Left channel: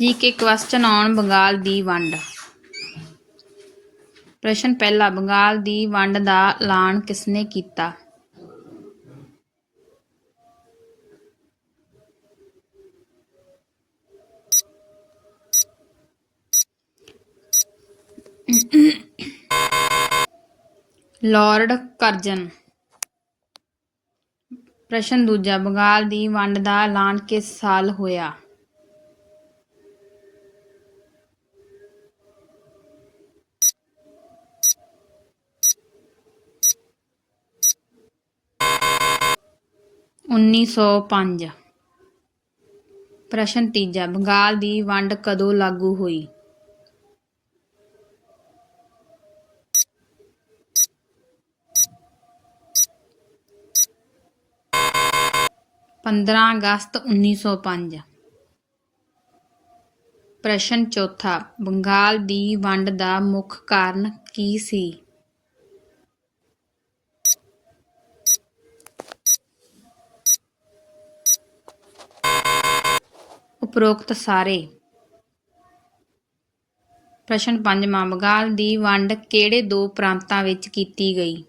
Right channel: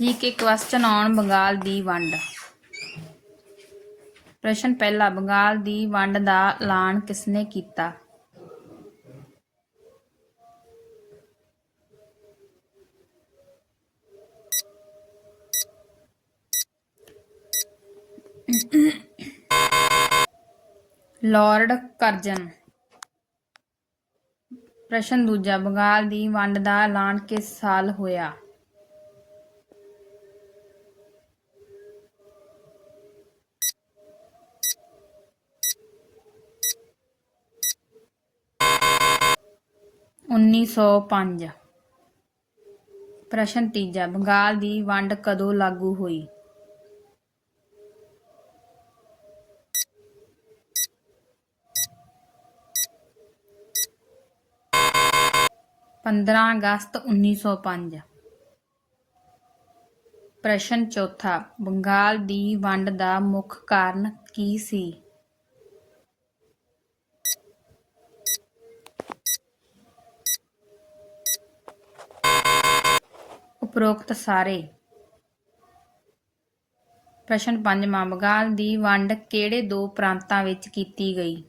G K question on Bengal ਦੀ ਵੰਡ। ਪ੍ਰਸ਼ਨ ਪਹਿਲਾ, ਬੰਗਾਲ ਦੀ ਵੰਡ ਦਾ ਐਲਾਨ ਕਿਸਨੇ ਕੀਤਾ? Lord Curzon. ਪ੍ਰਸ਼ਨ ਦੂਜਾ, ਬੰਗਾਲ ਦੀ ਵੰਡ ਦਾ ਐਲਾਨ ਕਿਸ ਸਾਲ ਹੋਇਆ? ਉੱਨੀ ਸੌ ਪੰਜ। ਪ੍ਰਸ਼ਨ ਤੀਜਾ, ਬੰਗਾਲ ਦੀ ਵੰਡ ਕਦੋਂ ਲਾਗੂ ਹੋਈ? ਪੰਦਰਾਂ ਅਗਸਤ ਉੱਨੀ ਸੌ ਪੰਜ। ਪ੍ਰਸ਼ਨ ਚੌਥਾ, ਬੰਗਾਲ ਦੀ ਵੰਡ ਦਾ ਮੁੱਖ ਕਾਰਨ ਕੀ ਸੀ? ਉਪਰੋਕਤ ਸਾਰੇ। ਪ੍ਰਸ਼ਨ ਪੰਜਵਾਂ ਬੰਗਾਲ ਦੀ ਵੰਡ ਕਿਹੜੇ ਦੋ ਪ੍ਰਾਂਤਾਂ ਵਿੱਚ ਕੀਤੀ ਗਈ?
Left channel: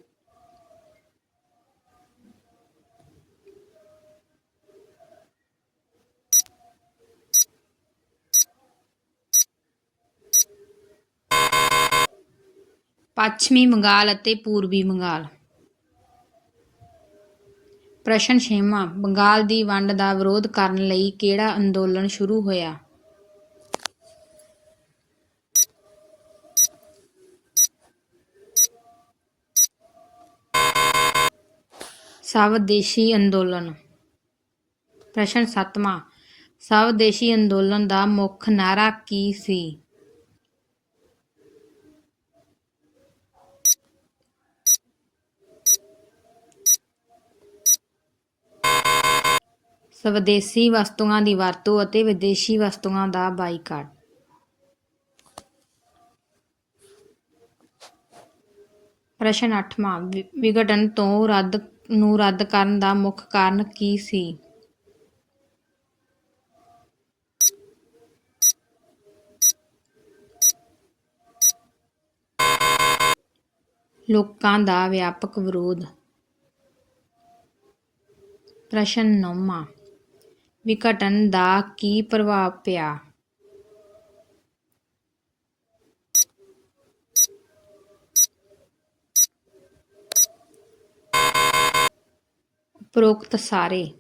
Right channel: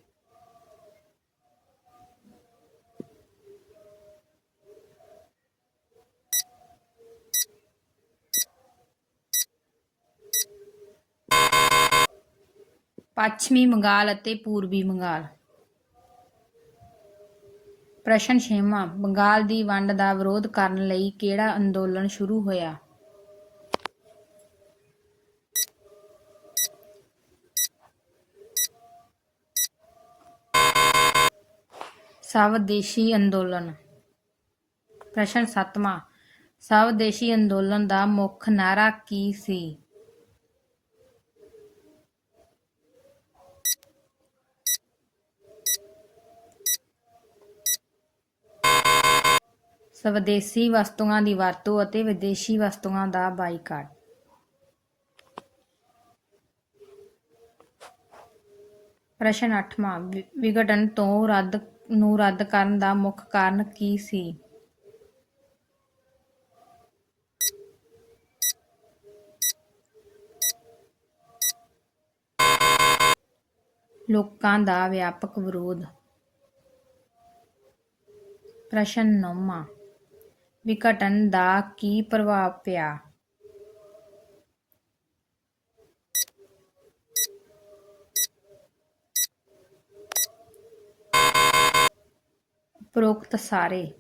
ਪੱਛਮੀ ਬੰਗਾਲ ਅਤੇ ਪੂਰਬੀ ਬੰਗਾਲ। ਪ੍ਰਸ਼ਨ ਛੇਵਾਂ, ਬੰਗਾਲ ਦੀ ਵੰਡ ਦਾ ਵਿਰੋਧ ਕਰਨ ਲਈ ਕਿਹੜਾ ਅੰਦੋਲਨ ਸ਼ੁਰੂ ਹੋਇਆ? ਸਵਦੇਸ਼ੀ ਅੰਦੋਲਨ। ਪ੍ਰਸ਼ਨ ਸੱਤਵਾਂ, ਸਵਦੇਸ਼ੀ ਅੰਦੋਲਨ ਦਾ ਮੁੱਖ ਨਾਅਰਾ ਕੀ ਸੀ? ਸਵਦੇਸੀ ਵਸਤੂਆਂ ਦੀ ਵਰਤੋਂ ਅਤੇ ਵਿਦੇਸ਼ੀ ਵਸਤੂਆਂ ਦਾ ਬਾਈਕਾਟ। ਪ੍ਰਸ਼ਨ 8ਵਾਂ ਵਿਘਟਨ ਤੋਂ ਰੱਦ, ਨੂੰ ਰੱਦ ਕਰਨ ਦਾ ਮੁੱਖ ਕਾਰਨ ਕੀ ਸੀ? ਲੋਕਾਂ ਦਾ ਵਿਆਪਕ ਵਿਰੋਧ। ਪ੍ਰਸ਼ਨ 9 ਵਿਘਟਨ ਦਾ ਕੀ ਪ੍ਰਭਾਵ ਪਿਆ? ਉਪਰੋਕਤ ਸਾਰੇ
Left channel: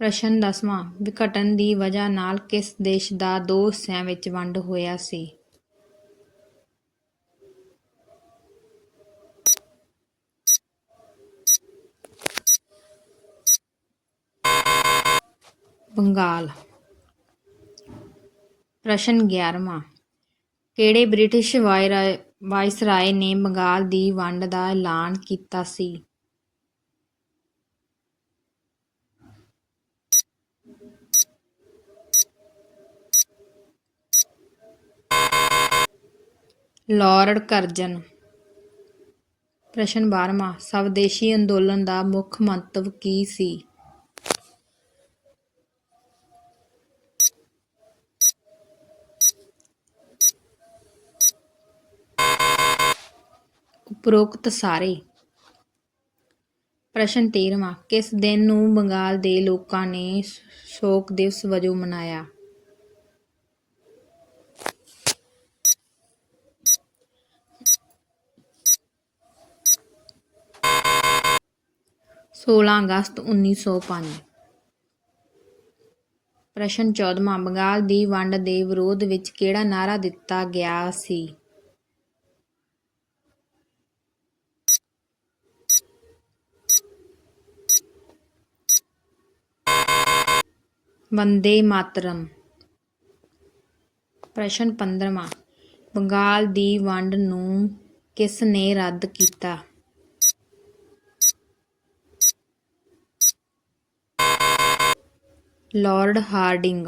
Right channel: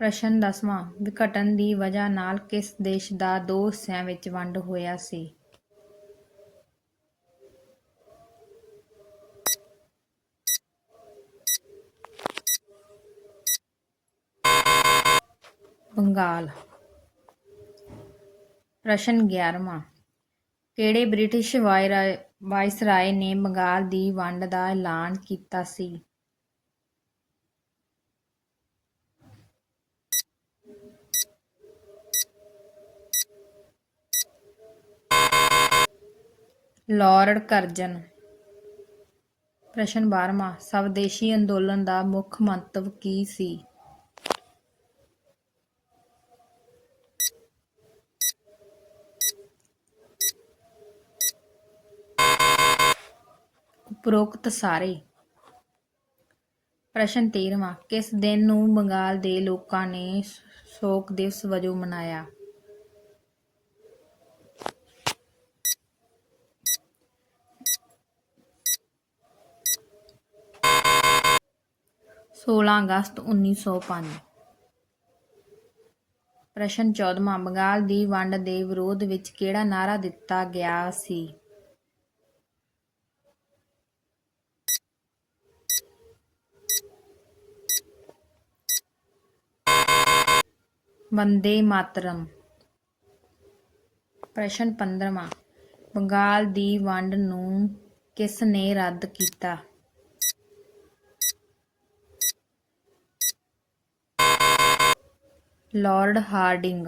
ਪ੍ਰਸ਼ਨ 10ਵਾਂ ਵਿਘਟਨ ਦੀ ਵਜ੍ਹਾ ਨਾਲ ਕਿਸ ਦੇਸ਼ ਦਾ ਦੋ ਹਿੱਸਿਆਂ ਵਿੱਚ ਵੰਡ ਹੋਇਆ ਸੀ? ਬੰਗਾਲ। ਪ੍ਰਸ਼ਨ 11ਵਾਂ ਕਿਹੜੇ ਬ੍ਰਿਟਿਸ਼ ਵਾਇਰਾ- ਵਾਇਸਰਾਏ ਨੇ ਬੰਗਾਲ ਦੀ ਵੰਡ ਦਾ ਐਲਾਨ ਕੀਤਾ ਸੀ? Lord Curzon. ਪ੍ਰਸ਼ਨ 12ਵਾਂ ਸਵਦੇਸ਼ੀ ਅੰਦੋਲਨ ਦਾ ਮੁੱਖ ਮੰਤਵ ਕੀ ਸੀ? ਉਪਰੋਕਤ ਸਾਰੇ। ਪ੍ਰਸ਼ਨ 13ਵਾਂ ਕਿਸ ਦਿਨ ਨੂੰ ਬੰਗਾਲ ਦੇ ਲੋਕਾਂ ਨੇ ਸ਼ੋਕ ਦਿਵਸ ਵਜੋਂ ਮਨਾਇਆ? ਸੋਲਾਂ ਅਗਸਤ ਉੱਨੀ ਸੌ ਪੰਜ। ਪ੍ਰਸ਼ਨ 14ਵਾਂ ਬੰਗਾਲ ਦੀ ਵੰਡ ਦੇ ਵਿਰੋਧ ਵਿੱਚ ਕਿਹੜਾ ਨਾਅਰਾ ਦਿੱਤਾ ਗਿਆ ਸੀ? ਵੰਦੇ ਮਾਤਰਮ। ਪ੍ਰਸ਼ਨ 15ਵਾਂ ਬੰਗਾਲ ਦੀ ਵੰਡ ਨੂੰ ਕਿਸ ਨੇ ਰੱਦ ਕੀਤਾ? Lord Hardinge.